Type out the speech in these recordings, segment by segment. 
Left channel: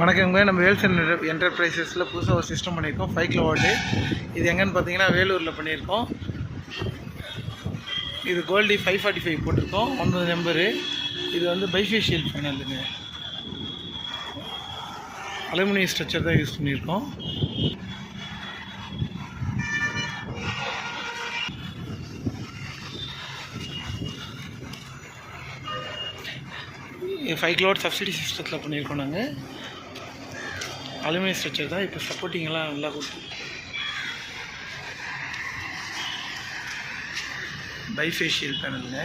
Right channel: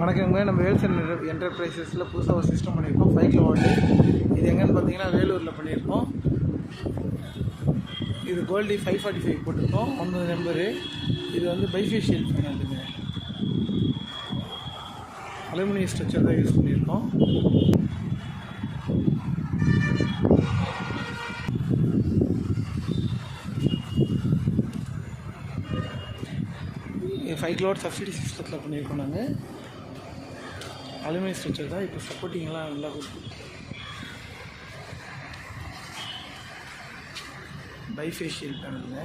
வணக்கங்க. நம்ம வேல்ஸ் என்டர்பிரைசஸில் புதுசாக ஒரு சிஸ்டம் பண்ணியிருக்கோம் 5 கிலோவாட்டு. இது எங்கன்னு பார்த்தீங்கன்னா வேலூரில் பண்ணியிருக்கோம். இது கோல்டி 545 போட்டிருக்கோம் 9 நம்பரு. இது வந்து பைஃபேஷியல் பேனலுங்க, அலுமினியம் ஸ்ட்ரக்சர் தான் யூஸ் பண்ணியிருக்கோம். இது 5 கிலோவாட் சப்சிடி சிஸ்டத்தில் பண்ணியிருக்கோம். நாங்கள் அலுமினியம் ஸ்ட்ரக்சர் தான். இப்போ சப்போர்ட்டிங்கெல்லாம் நல்லா கொடுத்து பைஃபேஷியல் பேனலுங்க.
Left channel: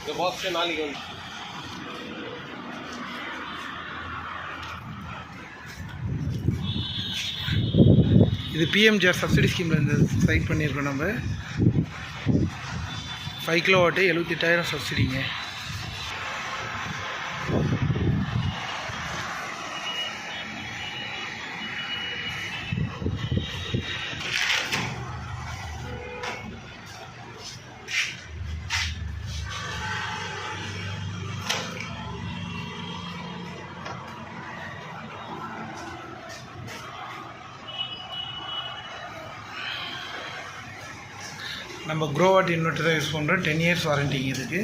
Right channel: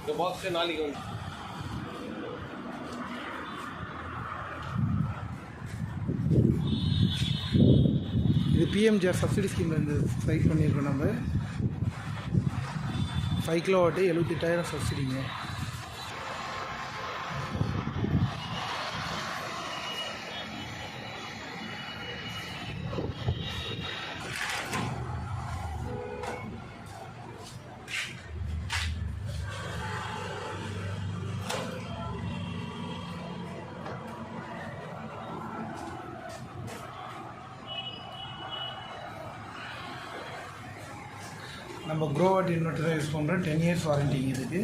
இந்த பாக்ஸ் நாளைக்கு வந்து இது பிஎம்ஜிஆர் சப்சிடி ஸ்கீமில் இந்த சைட் பண்ணியிருக்கோம். நம்ம 5 கிலோவாட்டு 78,000 சப்சிடிங்க. நம்ம க்ரோவாட் இன்வெர்ட்டர் தான் யூஸ் பண்ணுறோம். 10 இயர்ஸ் வாரண்டிங்க இதுக்கு.